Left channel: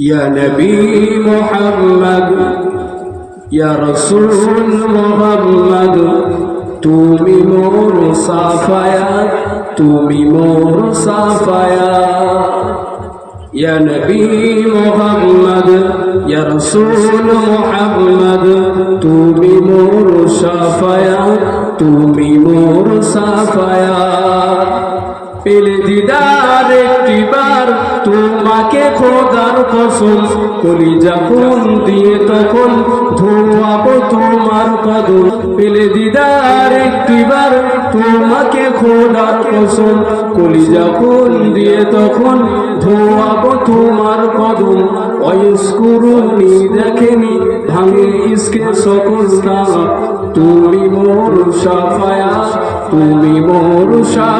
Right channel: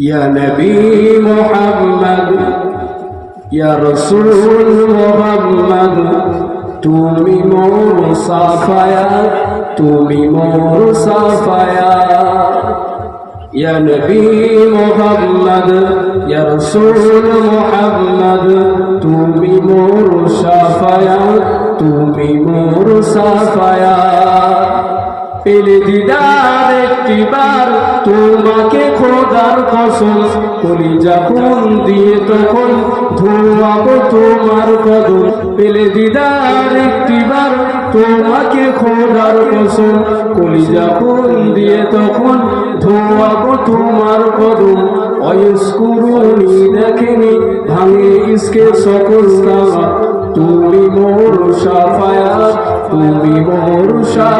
يا نبي محمد يا رسول محمد تومي مور صافيا تومي مور صافيا يا نبي محمد يا رسول محمد تومي مور صافيا تومي مور صافيا পেলে দিদার একটিবার, তোমাকে খোদার কসম কলি যখন দিয়ে তখন ধোয়াবো তোমার কদম। পেলে দিদার একটিবার, তোমাকে খোদার কসম কলি যখন দিয়ে তখন ধোয়াবো তোমার কদম। অয়স্কুরুনি দেখেনি ভাঙে ইসকে সকল তুমি মোর সাফায়া তুমি মোর সাফায়া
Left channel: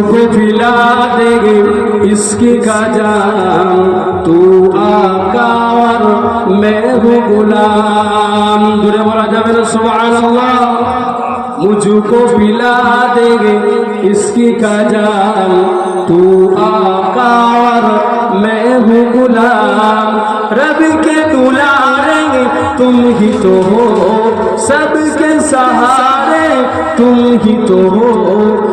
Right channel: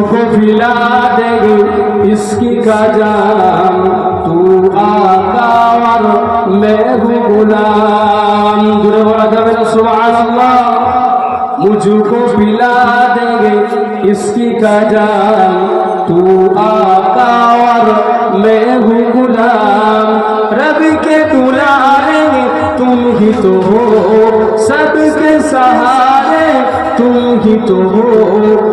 मुझको पिला देंगे इसकी का जान। तू आका और मैं हूँ गुलाम। दूरे बोला जावे सुभान अल्लाह मुझको पिला देंगे इसकी का जान। तू आका और मैं हूँ गुलाम। रब के दुलारेंगे तुम ही तो हो सबके सहारे तुम ही तो हो।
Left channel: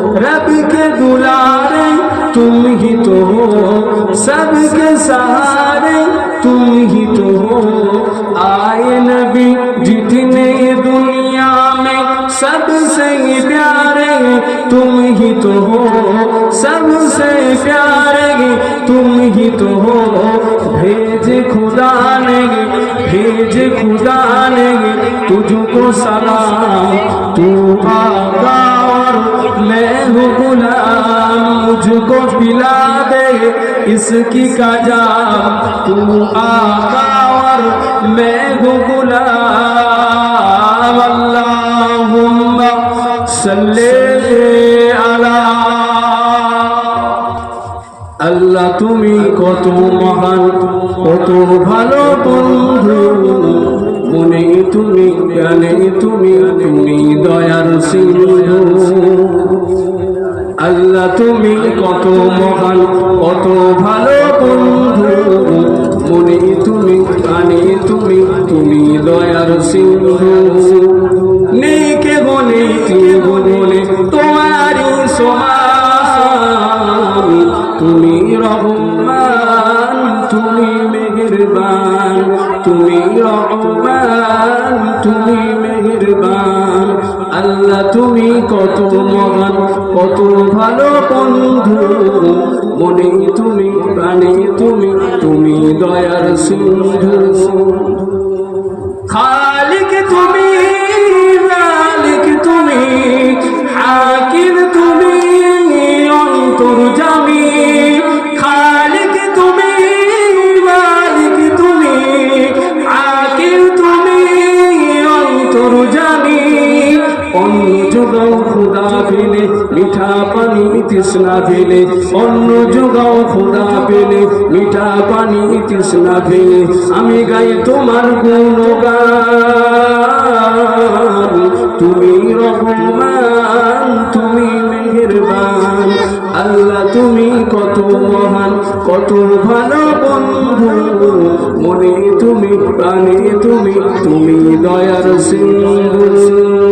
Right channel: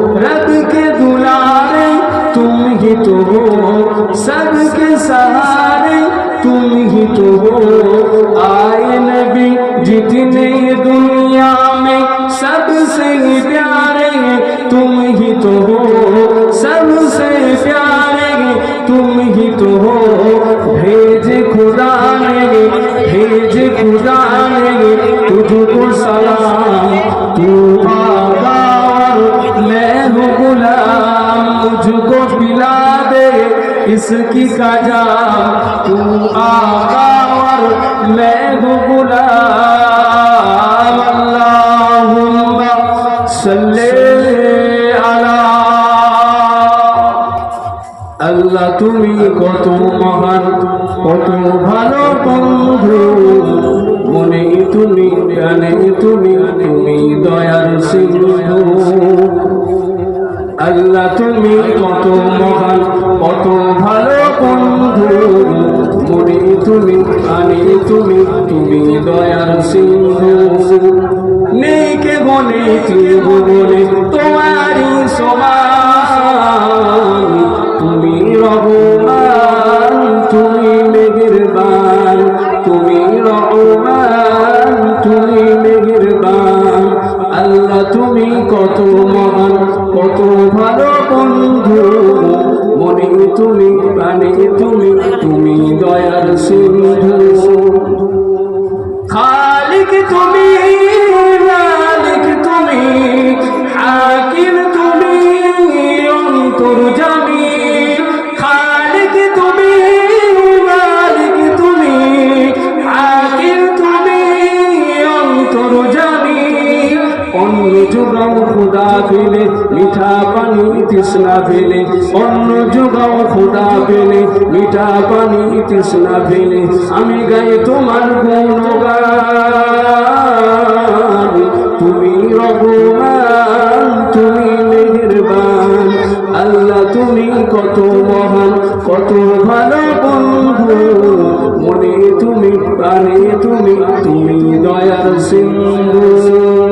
के दुलारे, तुम ही तो हो सबके सहारे, तुम ही तो हो। आए नबी, जितने दुनिया में सबसे प्यारे, तुम ही तो हो सबसे प्यारे, तुम ही तो हो। भेज खुदा ने भेज खुदा ने तुझको सलाम, तू हूँ गुलाम मुझको पिला दे इसकी का जाम तू आका और मैं हूँ गुलाम अल्लाहुम्मा सल्ले अला আল্লাহ তুমি কত মহান কত ভালো বন্ধু মনে তুমি জানে তুমি তুমি দয়ার সিন্ধু মহান কত ভালো বন্ধু। তুমি তুমি আমি তুমি তুমি দয়ার সিন্ধু। প্রাণে তুমি তুমি দয়ার সিন্ধু খালিক তুমি মিঠা পানি তৃষ্ণা ফেলে অন্য যোগাও ফুটা পেলে। মিঠা পানি তৃষ্ণা ফেলে আমি গাই তোমার গুণগান। তুমি রঘুমান তুমি মেহরবান। আল্লাহ, তুমি কত মহান, কত ভালো বন্ধু। মনে তুমি, প্রাণে তুমি তুমি দয়ার সিন্ধু।